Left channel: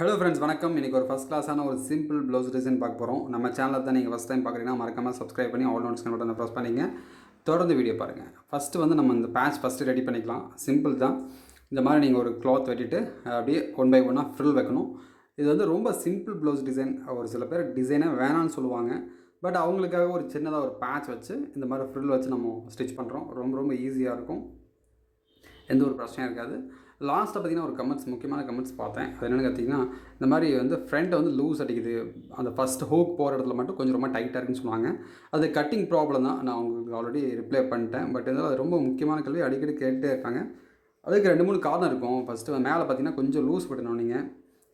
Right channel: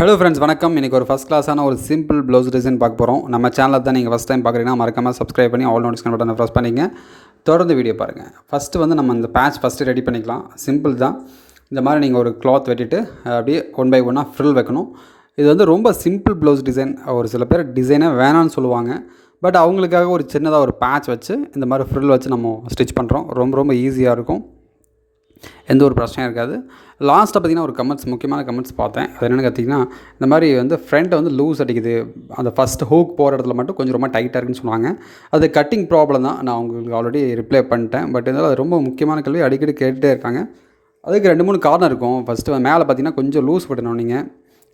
Hello friends, வணக்கம். இன்றைக்கி ஒரு ஃபஸ்ட் கிளாஸான ஒரு சிம்பிள் ப்ளவுஸ் டிசைன் பார்க்க போகிறோம். நம்ம சேனலில் தான் நீங்கள் ஃபஸ்ட் டைம் பார்க்குறீங்கன்னா மறக்காமல் சப்ஸ்கிரைப் பண்ணி ஆல் நோட்டிஃபிகேஷன் பட்டனை ப்ரெஸ் பண்ணிங்க. தொடர்ந்து வீடியோ பாருங்கள். ஃபஸ்ட்டு வந்து நம்ம இந்த பேட்ச் ஃபஸ்ட்டு ரெடி பண்ணிக்கலாம். சிம்பிள் தான். இந்த மாதிரி நீங்கள் ஒரு கிளாத் வெட்டிட்டு அப்படியே ஒன் பை ஒன்னாக ஃப்ரில் வைக்கணும். இது வந்து ரொம்ப சிம்பிள் ப்ளவுஸ் டிசைன். ஒரு சில பேர் டிசைனே வேணான்னு சொல்லுவாங்க. பட் அவங்களுக்காக ஒரு சின்னதாக ஒரு பேட்ச் வச்சு இந்த மாதிரி ஃப்ரில் வச்சு நம்ம ஸ்டிச் பண்ணுறோம். ரொம்ப ரொம்ப ஈஸியாக இருக்கும். எந்த ஒரு பிரச்சனையும் இருக்காது. லாஸ்ட்டாக பார்த்திங்கன்னா ஒரு முக்கியமான கமெண்ட்ஸ் பார்த்தேன். அது என்னென்னு பார்த்தீங்கன்னா, இந்த மாதிரி வந்து ஃப்ரண்ட்டை வந்து லூஸ் அடிக்குது, அந்த ஃபஸ்ட் ஹூக் போகிற இடத்துல மட்டும் கொஞ்சம் ரொம்ப டைட்டாக இருக்குன்னு சொன்னாங்க. அது கட்டிங் ப்ராப்ளம் தான். நான் உங்களுக்கு ஆல்ரெடி ரிப்ளை பண்ணிட்டேன். பட் இருந்தாலும் அது ரொம்ப முக்கியமான கேள்வி, அடிக்கடி கேட்டுகிட்டே இருக்காங்க. அதுக்கு 2-3 காரணம் இருக்கும். ஃபஸ்ட்டு மேலே பார்த்திங்கன்னா கொஞ்சம் லூஸ் விடணும். நீங்கள்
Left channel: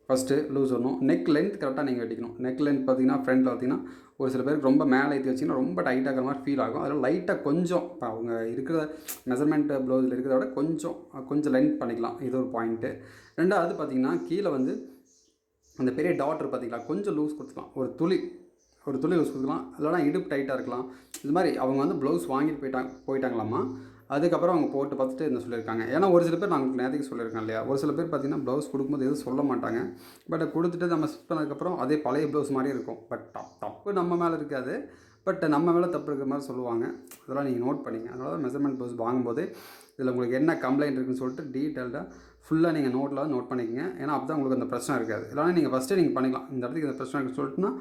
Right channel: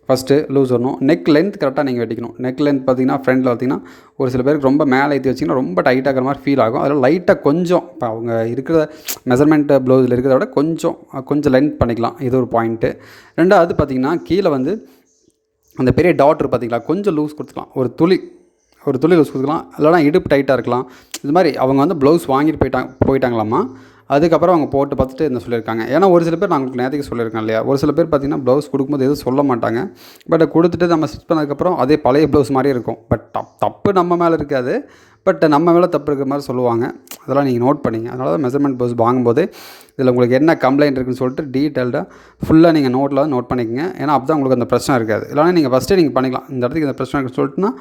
ஃபஸ்ட்டு லூஸ் வரணும். நெக் லென்த் கரெக்டாக நீங்கள் வெட்டிக்கணும். நெக் லென்த் பார்த்திங்கன்னா ஃப்ரண்ட்டில் பார்த்திங்கன்னா ஒரு சில பேருக்கு ரொம்ப மேலே ஏற்றி வச்சிங்கன்னா ரொம்ப டைட்டாக இருக்கிற மாதிரி ஃபீல் ஆகும். அதில் லைட்டாக கொஞ்சம் இப்போ அவங்க இருக்கிற மெஷர்மெண்ட் ப்ளவுஸில் இருக்கிறத விட கொஞ்சம் லென்த் பண்ணிக்கலாம். இது ஒரு பாயிண்ட்டு. ரெண்டாவது பார்த்திங்கன்னா கீழே வந்து அந்த பெரிய டாட்ரு பார்த்திங்களா, கொஞ்சம் லூஸ் கொடுத்துக்கலாம். ஒரு துளி லூஸ் கொடுத்துக்கலாம். இல்லைனா இடுப்பு டைட்டாக இருக்கலாம். இது மாதிரி அவங்க வந்து ப்ளவுஸ் வாங்கிட்டு போயிட்டாங்களாமா. அதுக்கப்புறம் அவங்க போட்டு பார்த்துட்டு என்ன சொல்லியிருக்காங்க. ஏன்னா ஒரு சில பேர் நான் உங்களுக்கு நேற்றுக்கு சொல்லியிருக்கேன் இல்லையா, ஒரு சில பேர் பார்த்திங்கன்னா ப்ளவுஸ் கொடுக்கும்போது எதுவும் சொல்ல மாட்டாங்க. பட் கொடுத்துட்டு நம்ம ஸ்டிச் பண்ணதுக்கப்புறம் அதே பழைய ப்ளவுஸ் மாதிரியே இருக்கும். பட் தப்பு நம்ம மேலே இருக்காது. பட் நம்ம மேலே தப்பு இருக்கிற மாதிரி சொல்லுவாங்க. அதெல்லாம் நீங்கள் நோட் பண்ணிங்க. அதனால தான் மெஷர்மெண்ட் ப்ளவுஸ் வாங்கும்போது இதில் உங்களுக்கு என்ன கம்ப்ளைண்ட் இருக்குன்னு சொல்லிட்டு டீட்டெயில்டாக ஃபுல்லாக நீங்கள் நோட் பண்ணிக்கங்க. ஏன்னா அப்போ தான் உங்களுக்கு அந்த பிரச்சனை இருக்காது. இல்லைனா நீங்கள் ஃபஸ்ட்டே நீங்கள் பண்ணிக்கலாம். இந்த இடத்துக்கு இந்த பிரச்சனை இருக்குன்னு சொல்லிட்டுனா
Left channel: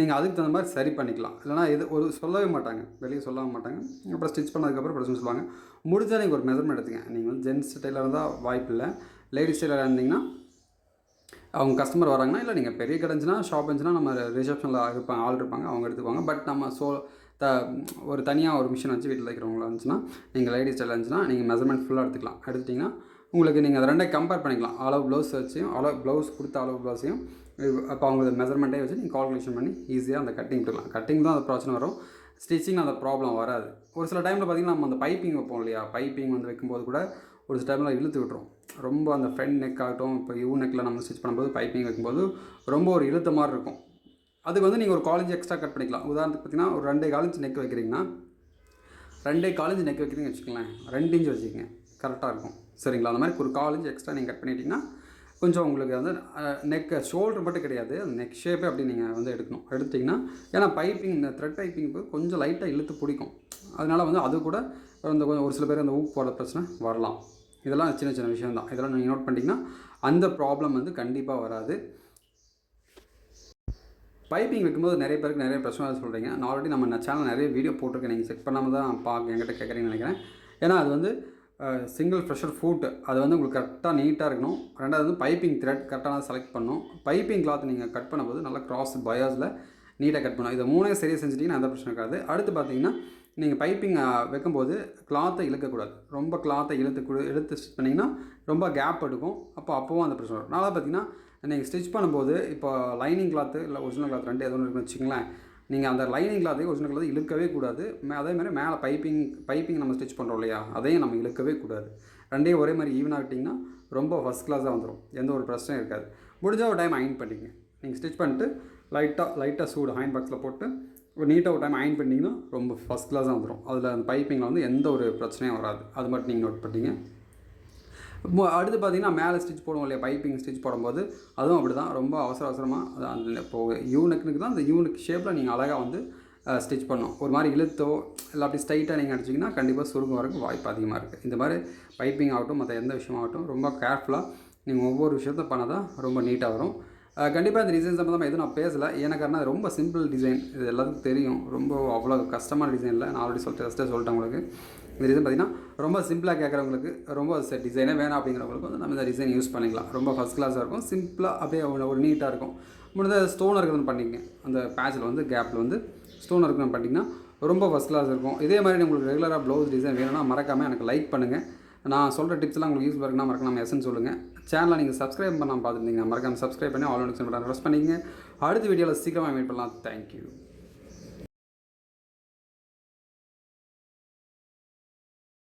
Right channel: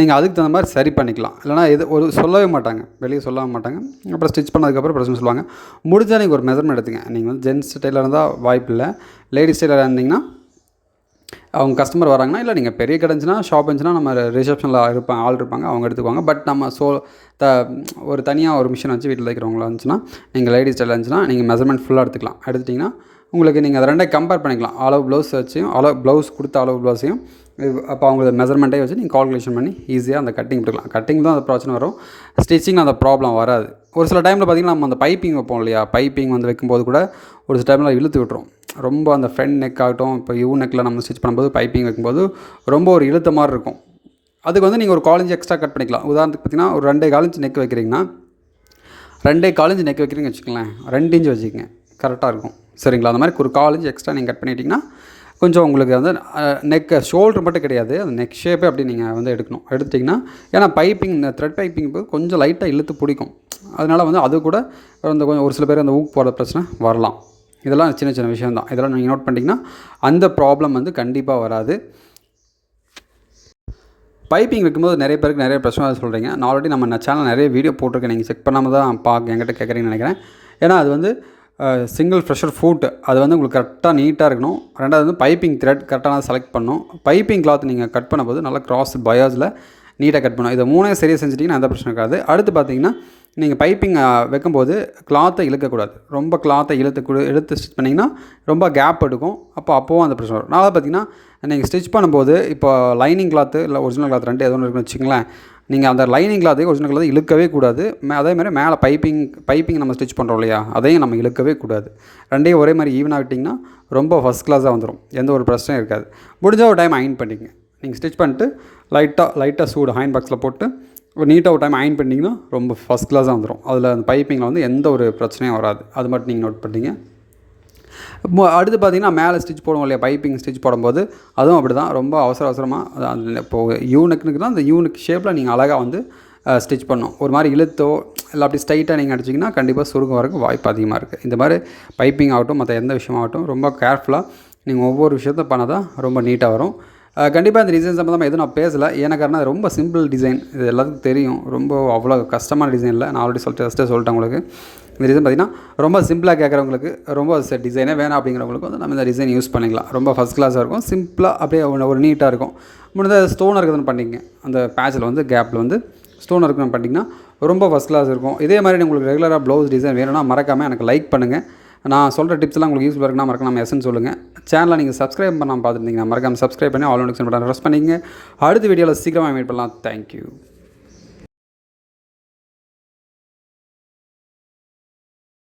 நீங்கள் அதுக்கு தகுந்த மாதிரி சரி பண்ணிக்கலாம். இல்லைனா சொல்லவே மாட்டாங்க, வெளியே சொல்லவே மாட்டாங்க. அப்புறம் ஸ்டிச் பண்ணதுக்கப்புறம் பிரச்சனை சொல்லுவாங்க. முடிஞ்சால் நீங்கள் ஒரு மெஷர்மெண்ட் எடுத்துங்க. நீங்கள் வந்து ஜென்ஸ் டெய்லராக இருந்தால் வாய்ப்பு இல்லை. லேடிஸ் டெய்லராக இருந்தீங்கன்னா அவங்க கஸ்டமர் வராங்கன்னா, இல்லை நீங்கள் பெரிய கடைஞ்சினா ஷாப் இருந்துச்சுன்னா நம்ம ரிசப்ஷனில் ஆள் இருப்பாங்க, அவங்க எடுத்துக்குவாங்க. பட் நம்ம ஒரு தனியாக ஒரு மிஷின் வச்சு வீட்டில் வைக்கிறவங்களா இருந்துச்சுன்னா, நீங்கள் லேடிஸ் ஸ்டைலில் இருந்துச்சுன்னா நீங்கள் மெஷர்மெண்ட் ஃபுல்லாக எடுத்துட்டிங்கன்னா உங்களுக்கு நீங்கள் அதை ரெண்டே கம்பேர் பண்ணிக்கலாம். அளவு ப்ளவுஸ் வச்சையும் ப்ளவுஸ் கொடுத்த அளவு ப்ளவுஸையும் அப்போ அவங்களோட மெஷர்மெண்ட்டே வச்சு நீங்கள் கால்குலேஷன் பண்ணி ஈஸியாக அந்த கட்டிங் விட்டுக்கலாம். கட்டிங் தான் அந்த பிரச்சனை வரும். ஸ்டிச்சிங் அந்த ப்ராப்ளம் வராது. ஒரு சில டைமில் பார்த்திங்கன்னா நம்ம அந்த பைப்பிங் வைப்போம் இல்லையா, பைப்பிங் வந்து வைக்கும்போது கூட ஒரு சில டைமில் இழுத்து விட்டுரும். ரொம்ப அந்த ஃப்ரண்ட் நெக் ஆகட்டும், இப்போ நெக்கில் நம்ம ஸ்டிச் பண்ணும்போது பைப்பிங் வைக்கும்போது ரொம்ப ஒரு இழுத்த மாதிரி இருக்கும். அதுக்கு வந்து நீங்கள் ஒரு 1/4 இன்ச் எக்ஸ்ட்ரா கட் பண்ணிக்கலாம். உதாரணத்துக்கு பார்த்திங்கன்னா ஒரு 2.25 இன்ச் நெக் வைக்கிறீங்கன்னா 2.25 இன்ச் நெக் வைக்கிறீங்கன்னு வச்சுக்கோங்களேன், 2 இன்ச் வச்சுக்கோங்க, கரெக்டாக இருக்கும். சரிங்களா? அந்த மாதிரி ஒரு 1/4 இன்ச் எக்ஸ்ட்ரா நீங்கள் கட் பண்ணிட்டீங்கன்னா கொஞ்சம் உங்களுக்கு வந்து நெக்கு ஷோல்டர் மட்டும் கிடையாது, அந்த நெக் ஷேப்பே அப்படி நீங்கள் வந்து எடுத்திங்கன்னா, ஏன்னா பைப்பிங் இந்த த்ரெட் பைப்பிங் போது கொஞ்சம் லைட்டாக இழுத்து பிடிக்கும். அதனால் வந்து அது கூட கொஞ்சம் ஒரு சில பேர் அந்த ஊக்கு போகிற பிரச்சனை வரலாம். இதெல்லாம் சின்ன விஷயம் தான். இதெல்லாம் நீங்கள் நோட் பண்ணிட்டீங்கன்னா அந்த ப்ராப்ளம் வந்து கண்டிப்பாக வராது. பைப்பிங் வைக்கும்போது நிறைய பேருக்கு நிறைய பிரச்சனை சொல்கிறீங்க. நான் ஆல்ரெடி நம்ம சேனல் நிறைய வீடியோ போட்டிருக்கேன். நீங்கள் செக் பண்ணாமல் தான் என்கிட்ட கேட்குறீங்கன்னு நினைக்கிறேன். ஏன்னா அது வந்து சிங்கிள் ப்ரெஷர் ஃபுட், அது வந்து உங்களுக்கு கரெக்டாக நீட்டாக இருக்கணும். ரெண்டாவது வந்து பைப்பிங் த்ரெட் கரெக்டாக செலக்ட் பண்ணணும். பைப்பிங் கிளாத் நீங்கள் கட் பண்ணும்போது நல்லா கிராஸ் பயாஸில் நீட்டாக கட் பண்ணணும். இதை 3 சரியாக செஞ்சிட்டிங்கன்னா எந்த பிரச்சனை இருக்காது. அடுத்து பார்த்தீங்கன்னா நீங்கள் பைப்பிங் வைக்கும்போது கிளாத்தை இழுக்கக்கூடாது. ரொம்ப கிளாத்தை எடுத்து ஸ்டிச் பண்ணிங்கன்னா ரொம்ப கேப் எடுக்கும். அப்போவும் அந்த பிரச்சனை வரும். நான் பார்த்திங்கன்னா நீங்கள் ஸ்டிச் பண்ணும்போது இப்போ லைனிங் கிளாத்து இல்லை ஒரிஜினல் கிளாத் ரெண்டு எது ஒன்று இருக்குன்னு வச்சுங்களேன், நீங்கள் அந்த லைனிங் கிளாத்தையும் ஒரிஜினல் கிளாத்தையும் இழுக்கவே கூடாது. அதேமாதிரி மேலே பைப்பிங் நம்ம ஸ்டிச் பண்ணுறோம் இல்லையா, அதையும் நம்ம இழுக்கவே கூடாது. ரெண்டையும் ஒரே மாதிரி ஈவனாக விட்டிங்கன்னா ரொம்ப ஃபஸ்ட் கிளாஸாக வந்துடும். எந்த ஒரு பிரச்சனையும் இருக்காது. முடிஞ்சால் ஒரு டைம் அயன் பண்ணிங்க. நீங்கள் ஸ்டிச் பண்ணிட்டு லைட்டாக சூடு அயன் பாக்ஸில் போட்டு ஒரு நீட்டாக ஒரு டைம் அயன் பண்ணிங்கன்னா ரொம்ப ஃபஸ்ட் கிளாஸாக வந்துடும். அதில் அந்த பைப்பிங்கில் வந்து எந்த ஒரு பிரச்சனையும் வராது. அது மட்டும் நீங்கள் நோட் பண்ணிங்க. அடுத்து பார்த்திங்கன்னா மேலே ஸ்டிச் போடுவோம் இல்லையா, பைப்பிங் ஸ்டிச் போடும்போது அதுவும் அப்படி தான். ரொம்ப அவசரமாக அந்த இப்போது யூனெக்கு தான், அந்த யூனெக் ஷேப்பில் நீங்கள் அழகாக வந்து ஸ்டிச் பண்ணணும். ஒரு மாதிரி இழுத்தோ இல்லை அப்படி ஸ்ட்ரைட்டாக நீங்கள் அடிச்சிங்கன்னா கண்டிப்பாக சுருக்கம் வரக்கு வாய்ப்பு அதிகமாக இருக்குது. இந்த மாதிரி பைப்பிங் ஆகட்டும், மற்ற எந்த விஷயமாகட்டும் ரொம்ப கேர்ஃபுல்லாக நீங்கள் ஒவ்வொரு விஷயத்தை பண்ணால் தான் ரொம்ப நீட்டாக வரும். கண்டிப்பாக இந்த டிசைன் சம்மந்தமாக எதுவும் நான் பேசலை. ஏன்னா காரணம் ரொம்ப சிம்பிள் டிசைன், இது எல்லாத்துக்கும் தெரியும். ரொம்ப அவ்வளோ கஷ்டமான டிசைன் இல்லை. நான் ஆல்ரெடி சொல்லிட்டேன் உங்களுக்கு. இந்த டிசைன் பார்த்திங்கன்னா ரொம்ப சிம்பிளாக கேட்குறவங்களுக்கு, ரொம்ப டிசைனே வேணாம் அப்படிங்கிறவங்களுக்கு வந்து நம்ம இந்த டிசைன் யூஸ் பண்ணிக்கலாம். ரொம்ப ஃபஸ்ட் கிளாஸாக இருக்கும். சிம்பிளாக அப்படியே ஒரு நீட்டாக இருக்கும். முடிஞ்ச ஸ்டோன் இருக்குதுன்னு பண்ணிங்க, அந்த பேட்சில் வந்து கேப்பில் வந்து ஸ்டோன் இருக்குன்னு பண்ணிங்கன்னா ரொம்ப ஃபஸ்ட் கிளாஸ் இருக்கும். இதே மாதிரி உங்களுக்கு ரெகுலராக ப்ளவுஸ் டிசைன் வேணும்னா மறக்காமல் எனக்கு லைக் பண்ணுங்கள். நான் சொல்கிற டிப்ஸ்லாம் உங்களுக்கு யூஸ்ஃபுல்லாக இருக்குன்னா மறக்காம எஸ்ன்னு சொல்லுங்கள். சேனலை நீங்கள் சப்ஸ்கிரைப் பண்ணாமல் பார்த்துருந்தீங்கன்னா மறக்காமல் சப்ஸ்கிரைப் பண்ணி ஆல் நோட்டிஃபிகேஷன் பட்டன் ப்ரெஸ் பண்ணிங்க. அடுத்த வீடியோவில் சீக்கிரமாக மீட் பண்ணலாம். தேங்க்யூ.